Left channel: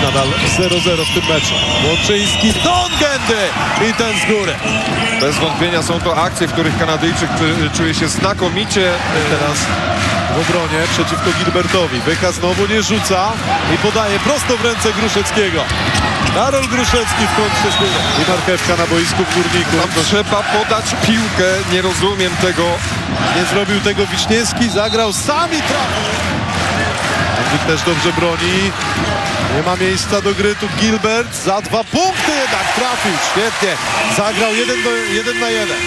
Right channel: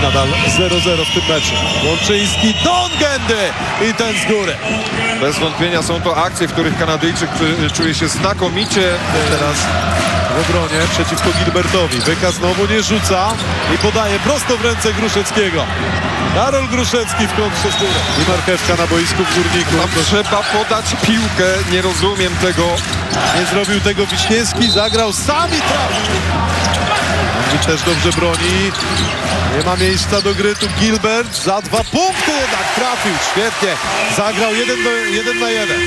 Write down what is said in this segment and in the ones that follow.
I nadal 0-0 w tym meczu. Łączyński, Don Gendy i ten z góry. Bez wątpienia są to akcje, w których Kanadyjczyk czu- czuje się znakomicie. E, Teraz w obronie przeciwko Gilbertowi. Wyka znowu nie rzuca i podaje prosto w ręce Gruszeckiego. Karol Gruszecki w kontrze z góry. I marchewka na boisku w Górniku. Tam trzeba podać piłkę, nie rozumiem tego. Nie zrobił tego Wiśniewski, zagrał sam i trafił. Andrzej też dobrze broni. Nie ma miejsca do gry tu Gilbert. Za dwa punkty jednak trafił. Świetnie. Zagrał jeden, do, jeden na jeden.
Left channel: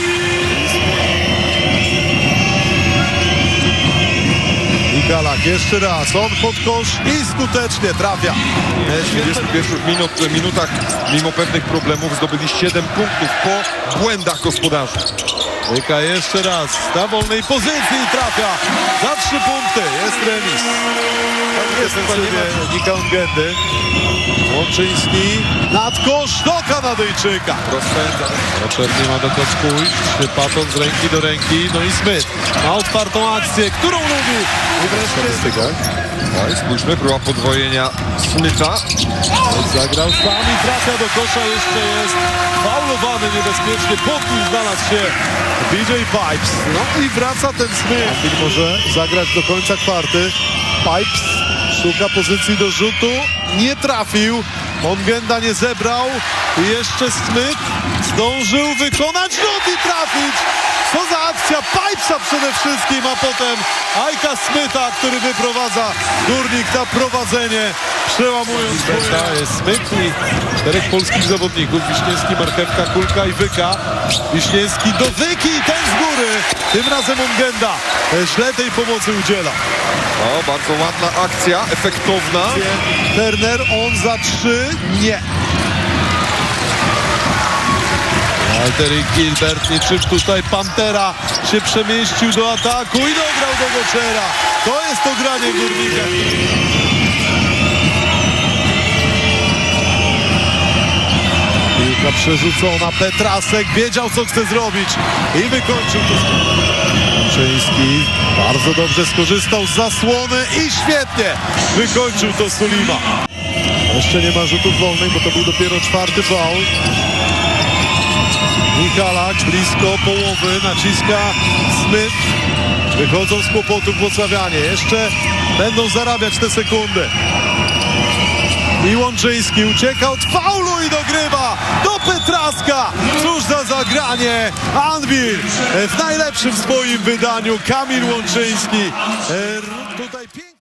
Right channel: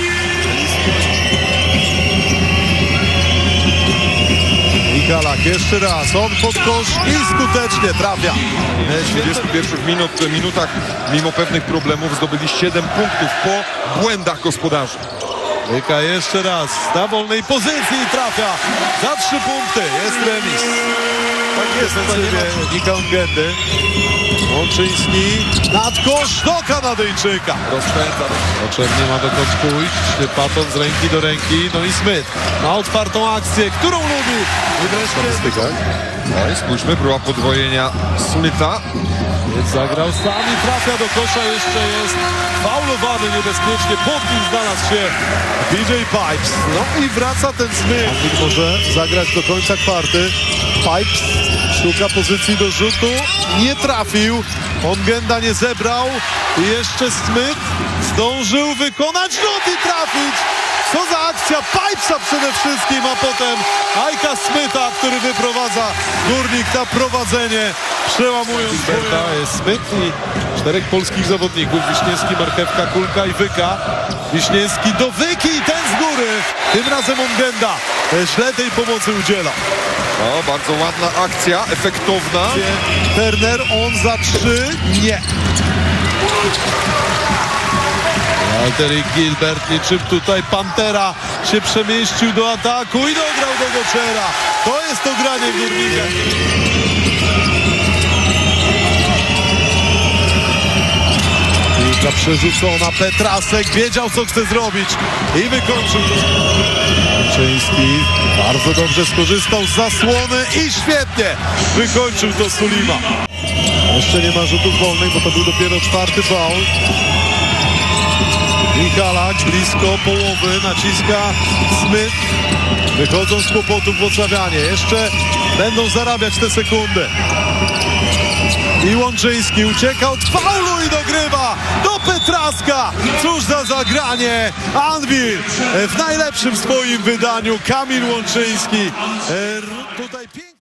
Mikalak jeszcze raz. On pod kosz i skutecznie trafia. W 21 minut, minutach, mimo pewnych problemów, zdobyli 7 punktów po błędach gospodarzy. Wyka jeszcze raz na wolnej pozycji i trafia. Za trzy punkty jest remis. Tak jest, defensywnie Nika Ungendy. Łączyński nad kosz do Kanadyjczyka. Rozpędza. Potrzebnie ma dokąd pójść. Paton z ręki do ręki. No i Smith ma otwartą akcję, którą lubi. I wreszcie No i spójrzmy, próba podwojenia Smyta. zagrał sam i trafia do kosza. Jeszcze jest faulowany niebezpiecznie. Pod nim znalazł się DJ Pipes. No i wraca ten Smith. I może zagrać do końca kwarty. Pipes szuka pozycji do rzutu. Nie trafił. Ongenda nie zebrał. Jeszcze Smith zdążył wykonać rzut i trafić. Co za akcja Pipesa przede wszystkim, a potem Ajka Smitha, który wyprowadza Górnik na prowadzenie, przełamując jest Smith i czterech polskich zawodników, Wiśniewski, Marchewka, Kulka i Wyka. Wiśniewski do Wyki i ten z góry. Tym razem Ongenda źle tej pomocy udziela. O, bardzo ładna akcja, efektowna. Turner, on za trzy, nie. Walter Gilbert i czym tutaj Pantera się przemieścił do ataku i dograł do Goczera. To jest to granie górnika. Piłka przerzucona, Petrasek wiedział co chce zrobić i wykończył to. Czyński bardzo dobrze skorzystał z zasłony i świetnie wykończył to Sulima. Jeszcze nie ma rzutów wolnych, bo to był dopiero czwarty faul. Michalak blisko połowy, naciska Smith. Wychodzą z kłopotów Włocławianie. Jeszcze będą zarabiać te sekundy. I Łączyński ucieka od faulu i dogrywa do Petraska. Cóż za zagranie. Anwil w najlepszym swoim wydaniu. Kamil Łączyński. E,